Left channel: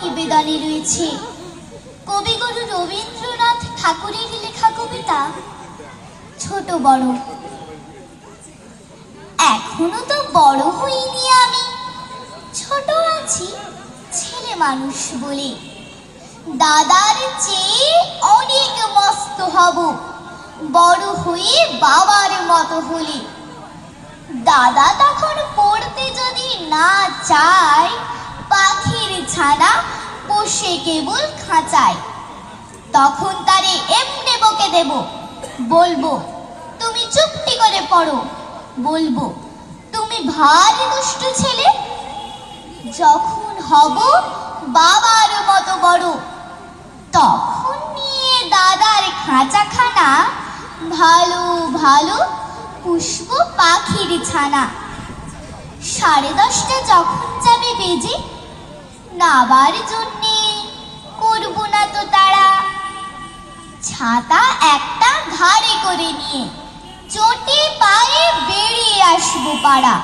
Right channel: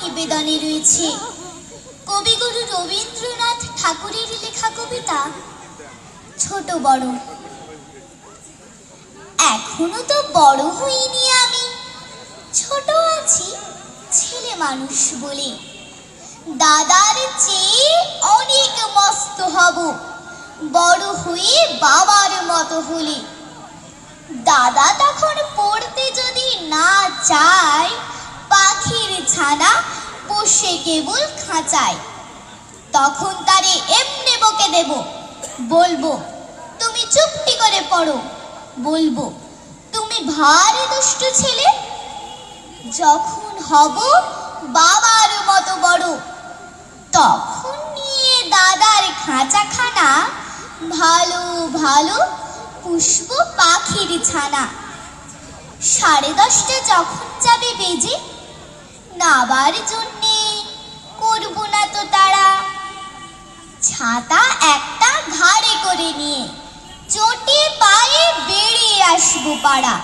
নিবেদনে রয়েছে, কবিগুরু রবীন্দ্রনাথ ঠাকুরের লেখা কবিতা, ছোট বড়। এখনও তো বড় হইনি আমি, ছোট আছি ছেলে মানুষ বলে। দাদার চেয়ে অনেক মস্ত হব, বড় হয়ে বাবার মতো হলে। দাদা তখন পড়তে যদি না চায় বসে কেবল খাঁচায়। তখন তারে এমনি বকে দেব, বলব, তুমি চুপটি করে পড়ো। বলব, তুমি ভারী দুষ্টু ছেলে। যখন হব বাবার মতো বড়, তখন নিয়ে দাদার খাঁচাখানা ভালো ভালো পুষ্প পাখির ছানা। সাড়ে দশটা যখন যাবে বেজে, নাবার জন্যে ছাতা একটা ঘাড়ে করে নিয়ে চটি পায়ে বেরিয়ে আসব পাড়া।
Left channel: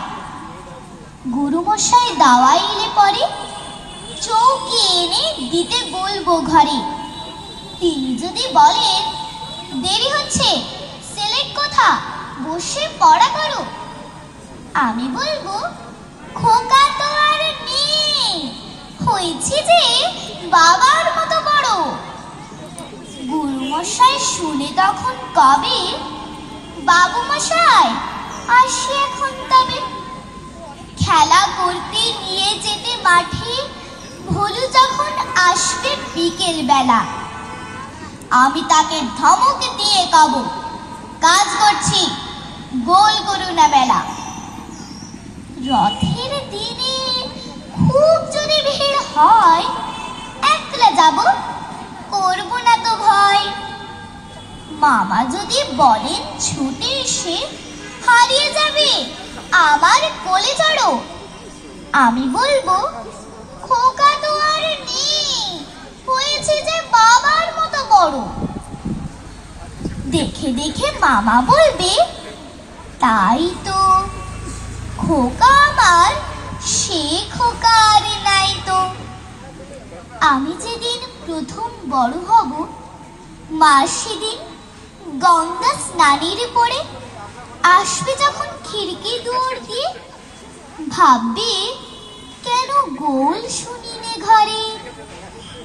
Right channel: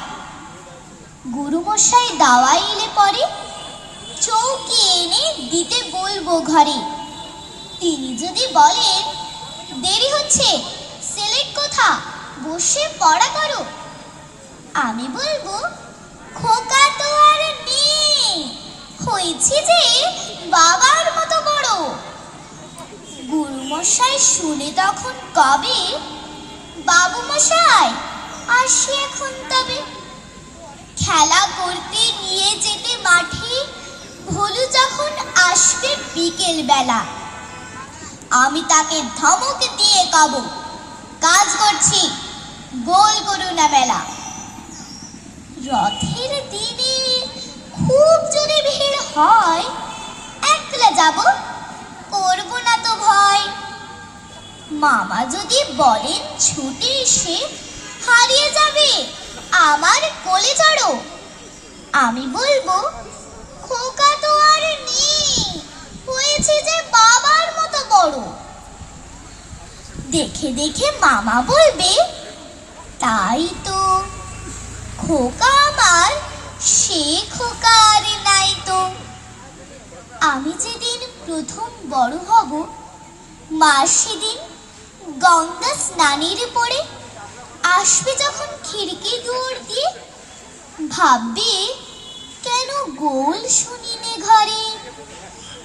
গুরুমশাই দাওয়াই এলে পরে চৌকি এনে দিতে বলব ঘরে। তিনি যদি বলেন, দেরি হচ্ছে সিলেক্ট কোথা বসে পড়া করো আমি বলব খোকা তো আর নেই হয়েছে যে বাবার মতো বড় গুরুমশাই শুনে তখন কবে? বাবু মশাই, আসি এখন তবে। খেলা করতে নিয়ে যেতে মাঠে ভোলু যখন আসবে বিকেল বেলা আমি তাকে ধমক দিয়ে কব, কাজ করছি, গোল করু না বেলা। রথের দিনে খুব যদি ভিড় হয়, একলা যাব? মামা যদি বলেন ছুটে এসে হারিয়ে যাবে, আমার কোলে চড়ো। আমি বলব, খোকা তো আর নেই, হয়েছে যে বাবার মতো বড়। দেখে দেখে মামা বলবে, তাই তো, খোকা আমার, সে খোকা আর নাই তো। আমি যেদিন প্রথম বড় হব, মা সেদিন গঙ্গা স্নানের পরে আসবে যখন খিড়কি দূর দিয়ে। ভাববে, কেন গোল শুনিনে ঘরে?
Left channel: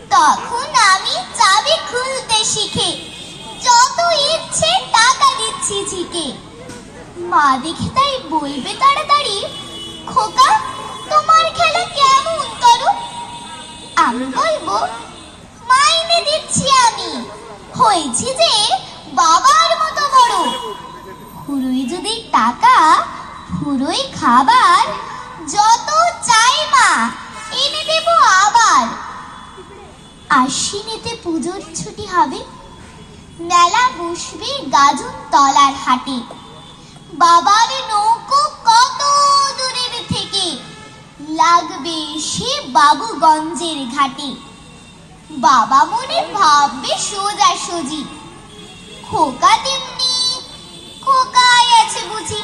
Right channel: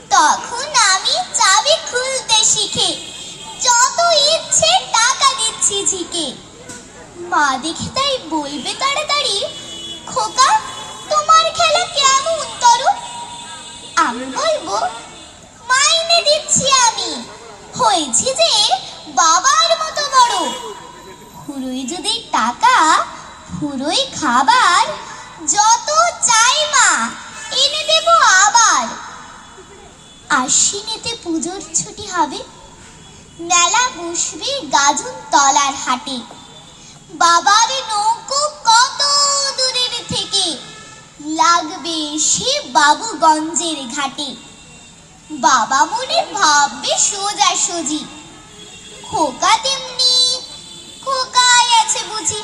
তখন আমি চাবি খুলতে শিখে, যত ইচ্ছে টাকা দিচ্ছি ঝিকে। মা দেখে তাই বলবে তাড়াতাড়ি, খোকা, তোমার খেলা কেমন করো? আমি বলব, মাইনে দিচ্ছি আমি। হয়েছি যে বাবার মতো বড় ফুরুই যদি টাকা ফুরুই খাবার, যত চাই মা, এনে দেব আবার। আশ্বিনেতে পুজোর ছুটি হবে। মেলা বসবে গাজন তলার হাটে। বাবার নৌকো কত দূরের থেকে? লাগবে সে বাবুগঞ্জের ঘাটে। বাবা মনে ভাববে সোজা সুজি। খোকা তেমনি খোকাই আছে বুঝি।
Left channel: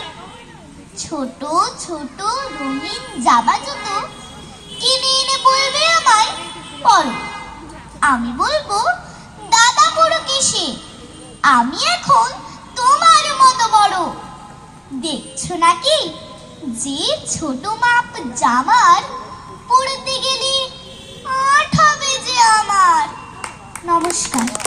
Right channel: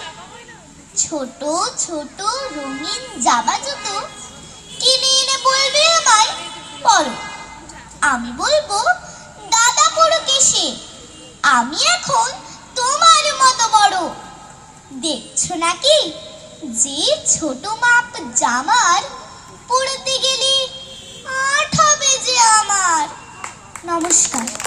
ছোট ছোট রঙিন জামা জুতো কিনে এনে বলবে আমায় পরো আমি বলব, দাদা পড়ো কেসে আমি এখন তোমার মতো বড়। দেখছ নাকি? যে ছোট মাপ জামার পড়তে নমস্কার।